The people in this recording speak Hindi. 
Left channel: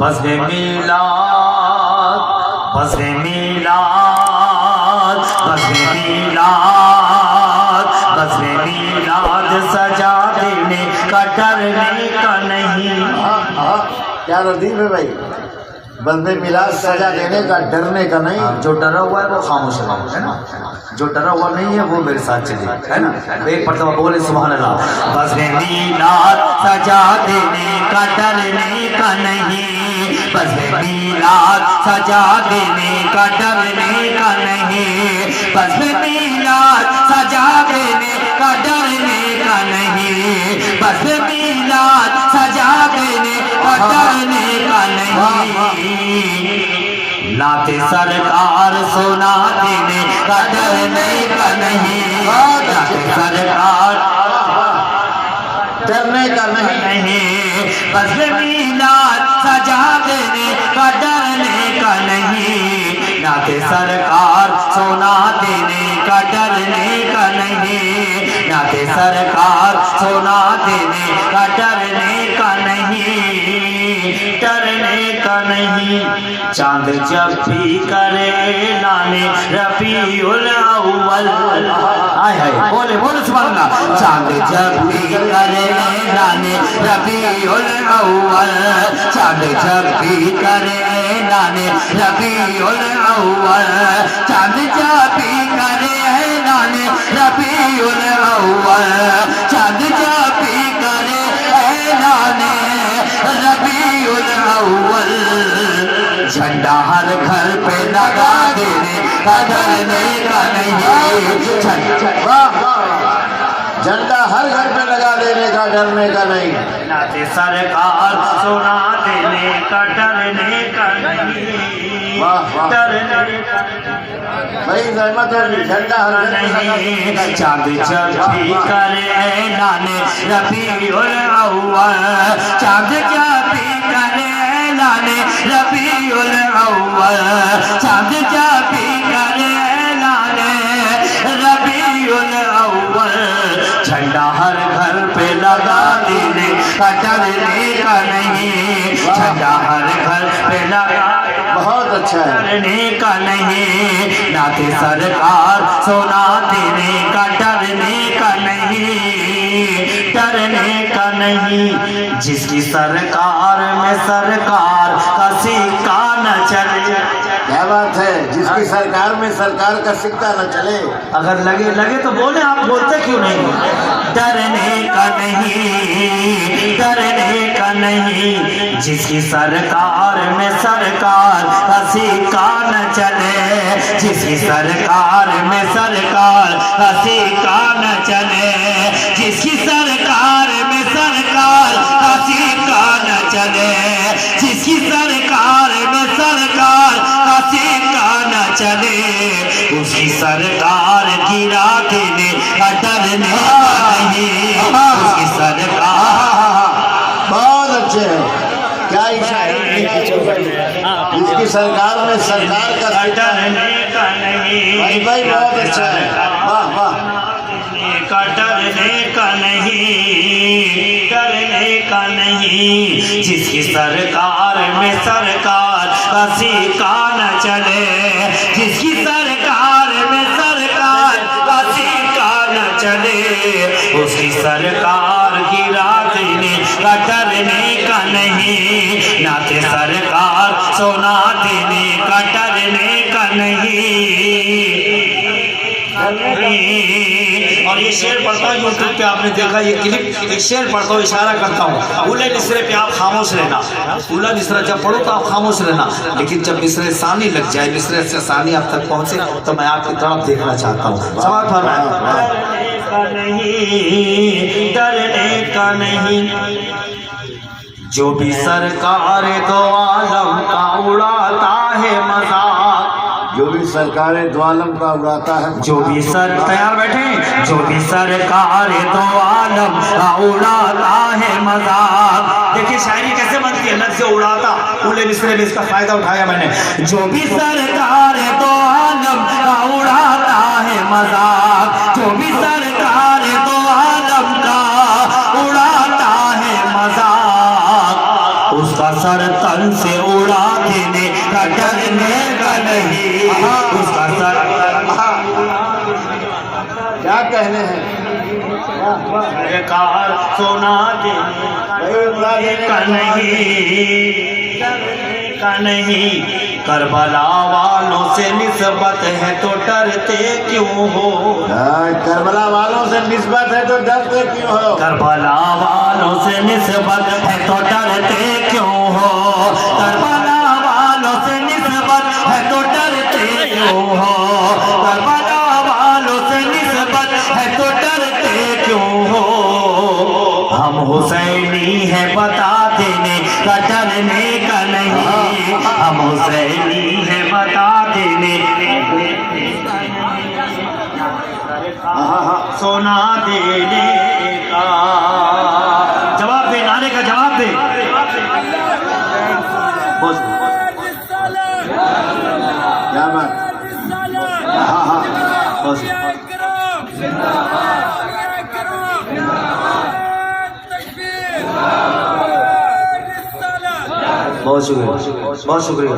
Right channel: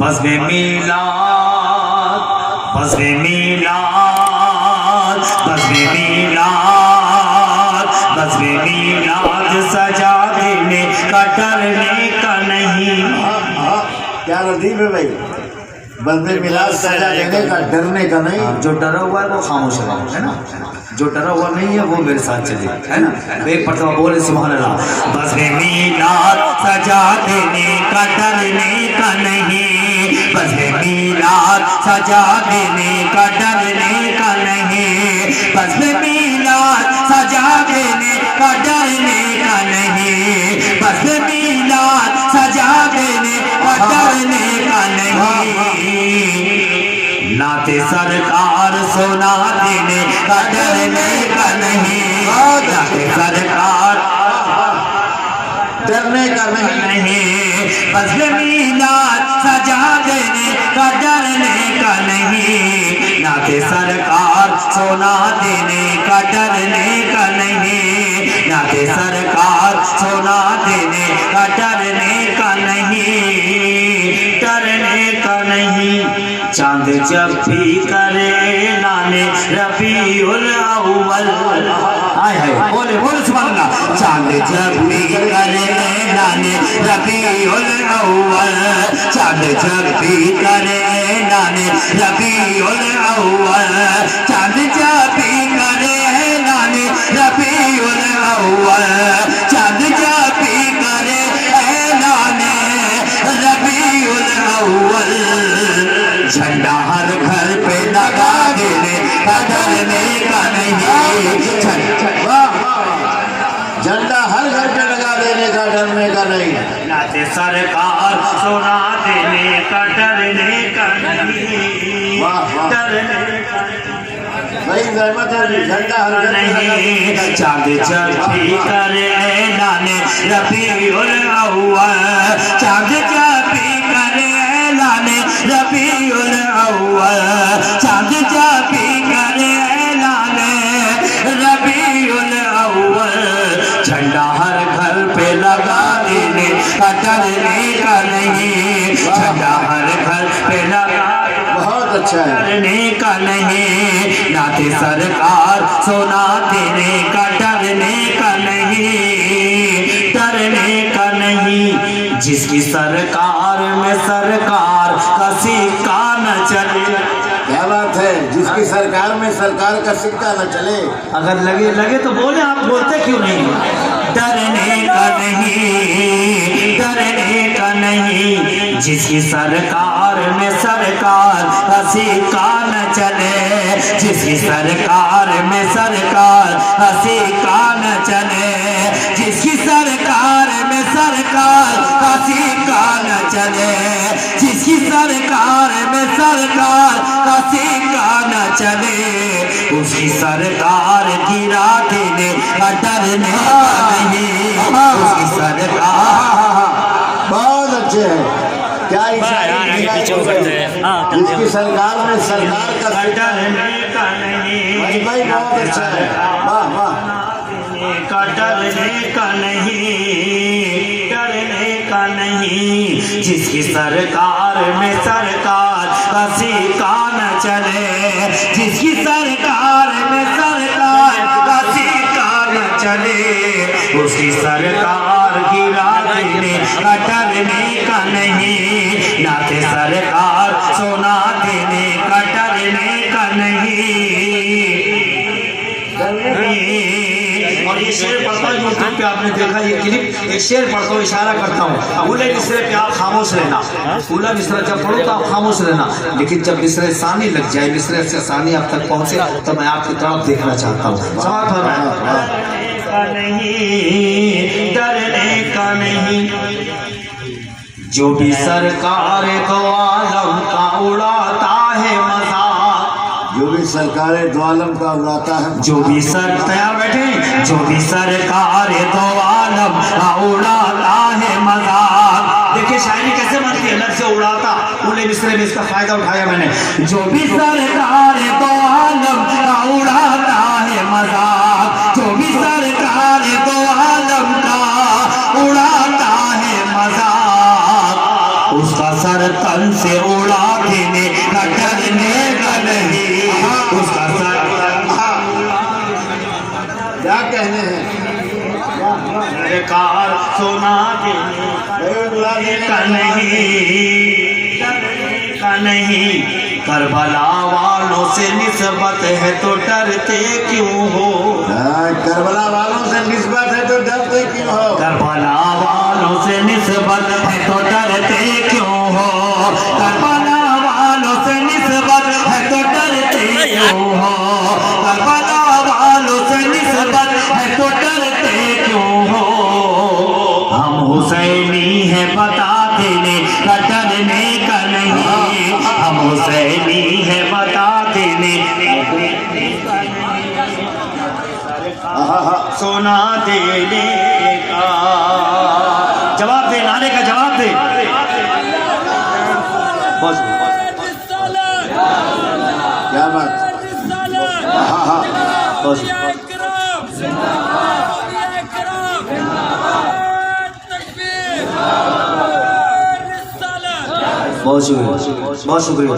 बज़्म मीलाद, बज़्म मीलाद, बज़्म मीलाद, बज़्म मीलाद सजा देने का डरने का नहीं। क्या लतीफ है भाई, बज़्म मीलाद सजा देने का डरने का नहीं। जो डरा हुआ है वो खामोश हो, है ना, जो डरा हुआ नहीं है वो मेरे साथ चले, है ना। एक मरतबा बोले सुभान अल्लाह। बज़्म मीलाद सजा देने का डरने का नहीं, बज़्म मीलाद सजा देने का डरने का नहीं, बज़्म मीलाद सजा देने का डरने का नहीं, बज़्म मीलाद सजा देने का डरने का नहीं। नाते सरकार सुना देने का डरने का नहीं, नाते सरकार डरने का नहीं। बज़्म मीलाद सजा देने का डरने का नहीं, नाते सरकार सुना देने का डरने का नहीं, नाते सरकार सुना देने का डरने का नहीं, डरने का नहीं। चांद जब भी करे लाने रबीउल अव्वल, आय हाय बोले बोले सुभान अल्लाह। चांद जब भी करे लाने रबीउल अव्वल, चांद जब भी करे लाने रबीउल अव्वल, चांद जब भी करे लाने रबीउल अव्वल, चांद जब भी करे लाने रबीउल अव्वल, झंडा हर घर पे लगा देने का डरने का नहीं, झंडा हर घर पे लगा देने का डरने का नहीं। नाते सरकार सुना देने का डरने का नहीं, वाह वाह डरने का भाई रहमत होगी, झंडा हर घर पे लगा देने का। चांद जब भी करे लाने रबीउल अव्वल, चांद जब भी करे लाने रबीउल अव्वल, चांद जब भी करे लाने रबीउल अव्वल, झंडा हर घर पे लगा देने का डरने का नहीं, झंडा हर घर पे लगा बहुत अच्छा है। डरने का नहीं, नाते सरकार सुना देने का डरने का नहीं, डरने का नहीं। जिसकी सरकार में सरकार का सिक्का न चले, क्या बात है, जिसकी सरकार में सरकार का सिक्का न चले। अगर लगे लगे तो बोले, आप बोलते क्यों नहीं। डरने का नहीं, डरने का नहीं। जिसकी सरकार में सरकार का सिक्का न चले, जिसकी सरकार में सरकार का सिक्का न चले, जिसकी सरकार में सरकार का सिक्का न चले, जिसकी सरकार में सरकार का सिक्का न चले, उसकी सरकार गिरा देने का डरने का नहीं, उसकी सरकार। बहुत अच्छे है, क्या जिसकी सरकार में सरकार का डरने का नहीं, भाई बहुत अच्छा है, वाह वाह। का डरने का नहीं, डरने का नहीं। जिसकी सरकार में सरकार का सिक्का न चले, जिसकी सरकार में सरकार का सिक्का न चले, उसकी सरकार गिरा देने का डरने का नहीं, नाते सरकार सोना देने का डरने का नहीं। और ये शेर पढ़ता हूँ यूट्यूब पे, आपने देखा ये क्लिप, ये शेर पढ़ता हूँ, इशारा करता हूँ। उले मिसरे पे आप खामोश रहना, उला मिसरा जब पढ़ो तो आप खामोश रहना, लेकिन जब मिसरे सानी लग जाए, मिसरे से सानी आप तक पहुँचे तो मैं आपकी तरफ देखना चाहता हूँ। सवाल फरमाया, डरने का नहीं। जो भी सरकार दो आलम का उड़ाता है मजाक, जो भी सरकार दो आलम का उड़ाता है, जो भी सर तैयार बैठे, जो भी सरकार दो आलम का उड़ाता है मजाक। देखिए शायरी कैसे बनती है, लफ्ज़ से उड़ाता, उले मिसरे में इसका फायदा उठाया मैंने। जो भी सरकार दो आलम का उड़ाता है मजाक, जो भी सरकार दो आलम का उड़ाता है मजाक, उसका उसका सर तन से उड़ा देने का डरने का नहीं, उसका सर क्या कहने हैं सरकार सोना देने का नहीं, करबला वालों से निस्बत है तो डरते क्यों हो, करबला वालों से निस्बत है तो डरते क्यों हो, करबला वालों से निस्बत है तो डरते क्यों हो, करबला वालों से निस्बत है तो डरते क्यों हो, करबला वालों से निस्बत है तो डरते क्यों हो, हम हुसैनी हैं बता देने का डरने का नहीं, हम हुसैनी हैं बता देने सोना देने का। जवाब दे, नारे का जवाब दे। बस क्या बात, बस बहुत शुक्रिया, बहुत शुक्रिया।